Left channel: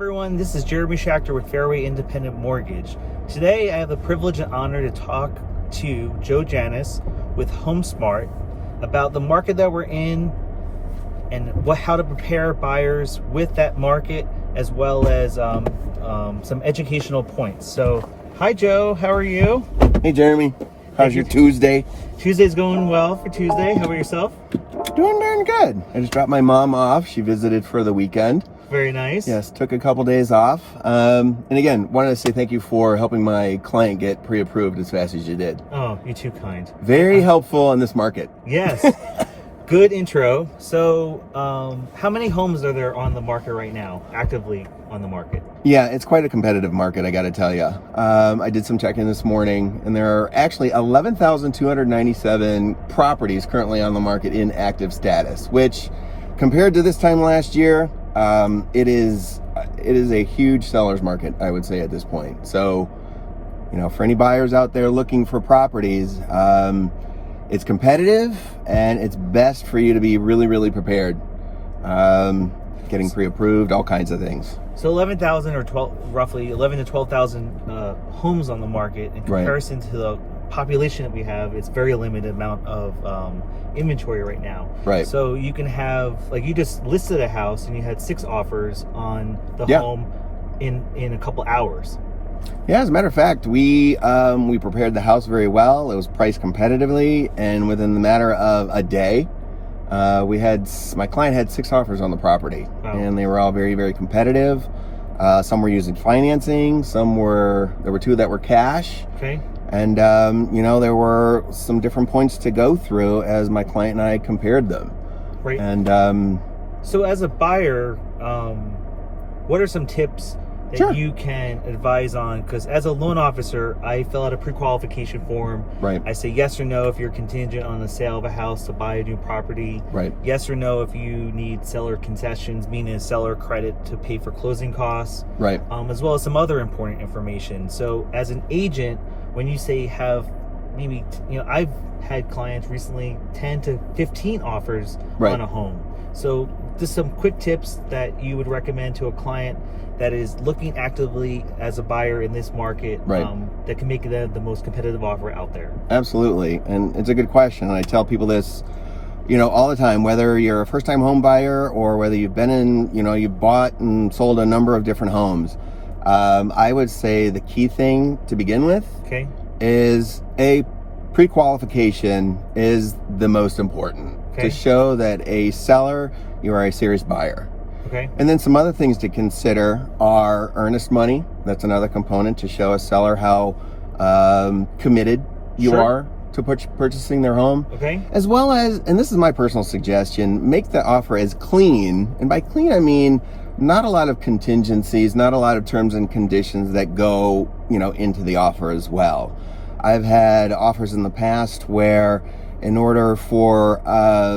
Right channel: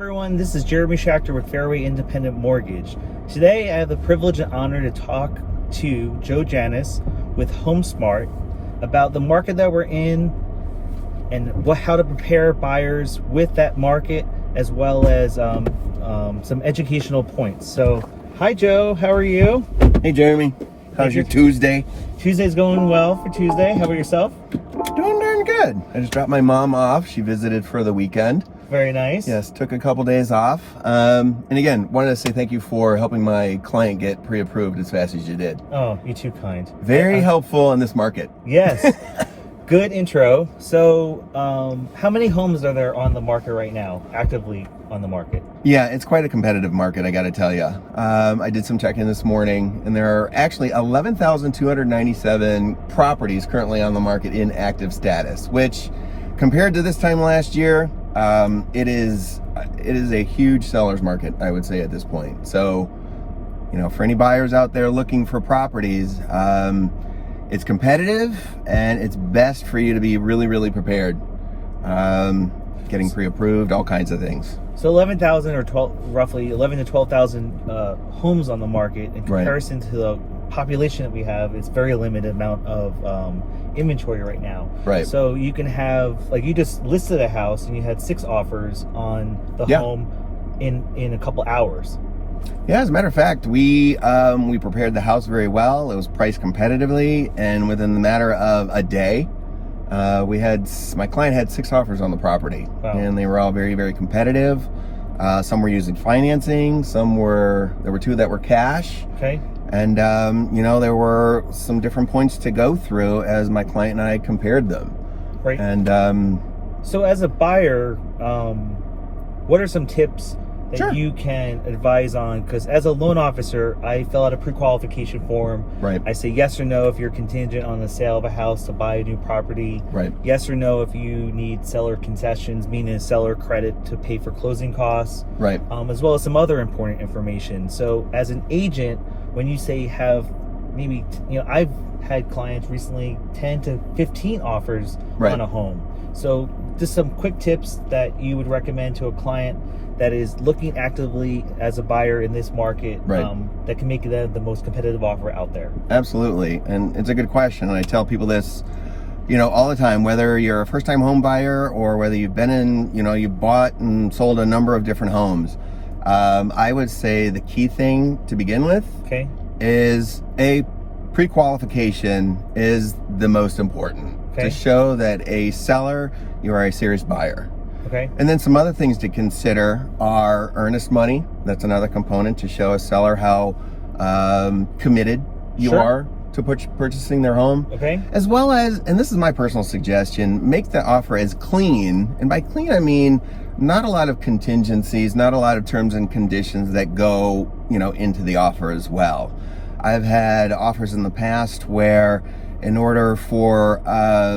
Everyone, this is Jeremy Schachter with Fairway Independent Mortgage. Today I have the privilege and honor to talk to Joe Janus with HomeSmart about the market that we're in and how to prepare buyers with that market, as well as some educational points. So, hi Joe, how are you? Hey Jeremy, how's your Tuesday? Tuesday's going well for Tuesday. How about yourself? Doing darn good. I just dropped my mom off. She visited for the weekend. Very nice. Yes, took a couple days off. And again, wanted to say thank you for helping my client get pre-approved as fast as you did. Oh, you're too kind. Very helpful in this market. Yes. Good intro. So, how many homes are there on the market right now, actively on the market? Yeah, it's quite a competitive market, I got to tell you. I did some checking this morning, and there are actually 11,297 properties currently on the market in active status, which compared to this time last year, it is a huge seller's market, I would say, at this point. So, you know, for any buyers out there looking for properties, it's competitive, and it's best for you to be really prepared. Getting pre-approved, all kinds of things. So 11,000 or roughly 11 to 12,000 homes on the market. In comparison to the population that we have, it's very limited amount of inventory right now. Right. So you can have, like, you just listed a house and you had 6 offers on the home in a couple hours. Yeah, as a matter of fact, we prepared the house very well. It was priced competitively, and within the matter of a day, my client had 6 offers on the property. Wow. And they were all very competitive. Some were using financing, there were 2 that were cash. Okay. And you know, there were some different points to go through as my client and I compared them. Right. And so as a buyer, what are some tips that you can advise on? Because as a loan officer, I fill out a pre-qualification form. Right. I say yes or no if you're contingent on the sale of a house to buy a new property. Right. Yes or no if you need seller concessions, meaning a seller credit to pay for closing costs. Right. As well as some other important information. So as an agent, when you say have maybe, you know, I've had clients recently 10 to 15 offers on a home. So just some quick tips that you would recommend to a client that is looking actively as a buyer in this market, that can make them the most competitive offer out there. Absolutely. And it's a good question. And I tell people this, you know, all the time, whether you're a first-time home buyer or whether you've been in, you know, you bought and sold a number of different homes. I would say the key thing to begin with is pre-qualification is the most important to show that a seller, you are a serious buyer. Okay. And then some other things to consider are earnest money. That's another component to show a seller how committed you are to purchasing their home. Okay. As well as, and this is my personal suggestion, make the offer as clean. And by clean, I mean not a lot of contingencies, not a lot of terms and conditions that go, you know, into the offer as well. I've had offers in the past where in order for,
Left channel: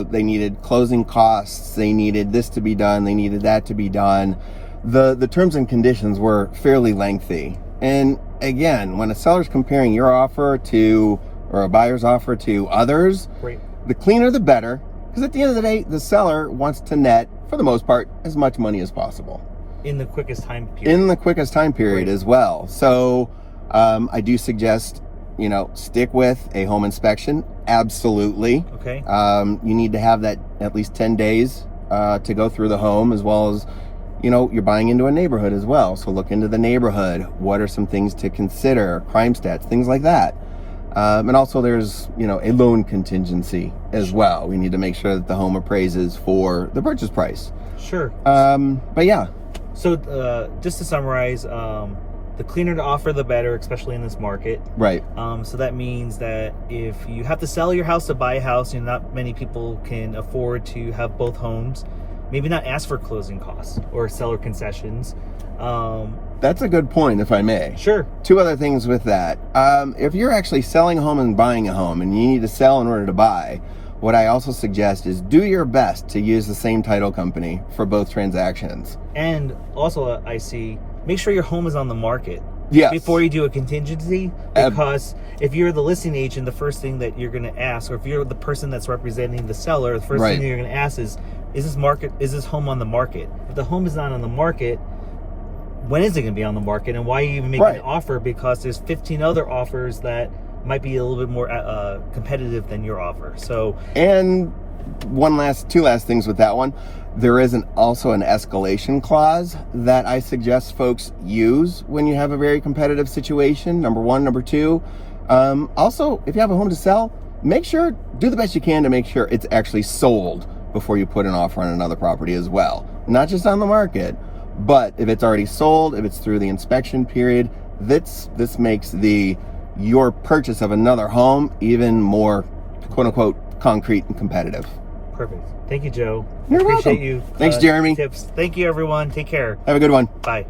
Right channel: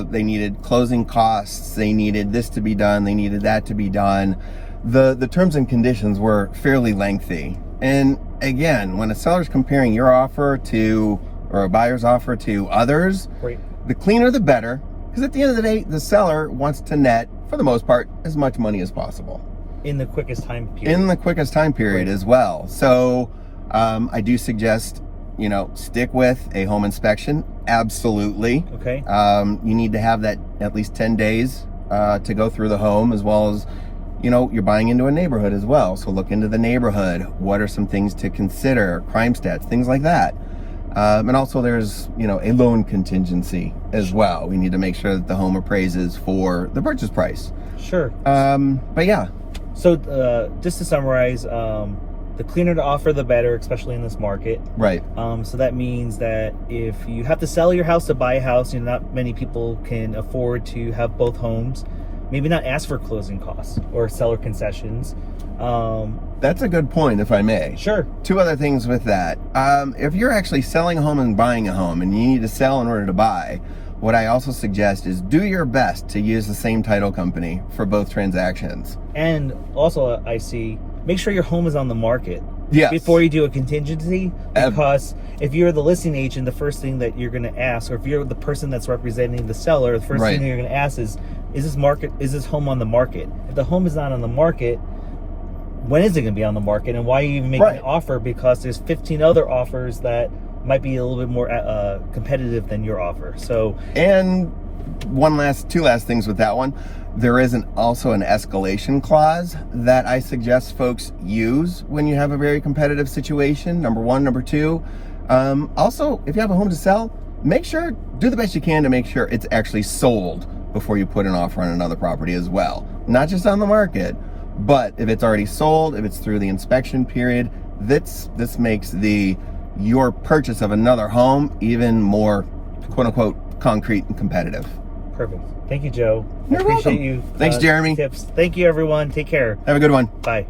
they needed closing costs, they needed this to be done, they needed that to be done. The terms and conditions were fairly lengthy. And again, when a seller's comparing your offer to, or a buyer's offer to others, the cleaner the better, because at the end of the day, the seller wants to net, for the most part, as much money as possible. In the quickest time period. In the quickest time period as well. So I do suggest, you know, stick with a home inspection. Absolutely. Okay. You need to have that at least 10 days to go through the home, as well as, you know, you're buying into a neighborhood as well. So look into the neighborhood. What are some things to consider? Crime stats, things like that. And also there's, you know, a loan contingency as well. We need to make sure that the home appraises for the purchase price. Sure. But yeah. So just to summarize, the cleaner the offer, the better, especially in this market. Right. So that means that if you have to sell your house to buy a house, and not many people can afford to have both homes, maybe not ask for closing costs or seller concessions. That's a good point, if I may. Sure. 2 other things with that. If you're actually selling a home and buying a home and you need to sell in order to buy, what I also suggest is do your best to use the same title company for both transactions. And also, I see, make sure your home is on the market before you do a contingency, because if you're the listing agent, the first thing that you're going to ask, or if you're the person that's representing the seller, the first thing you're going to ask is this home on the market? If the home is not on the market, when is it going to be on the market, and why are you even making Right. an offer? Because there's 15 other offers that might be a little bit more competitive than your offer. So, and two last things with that one. There is also an escalation clause that I suggest folks use when you have a very competitive situation. Number one. Number two, also, if you have a home to sell, do the best you can to make sure it's actually sold before you put an offer on another property as well. Not just on the market, but if it's already sold, if it's through the inspection period, this makes your purchase of another home even more, quote unquote, concrete and competitive. perfect. Thank you, Joe. You're I appreciate welcome. you. Thanks, Jeremy. Tips. Thank you, everyone. Take care. Have a good one. Bye.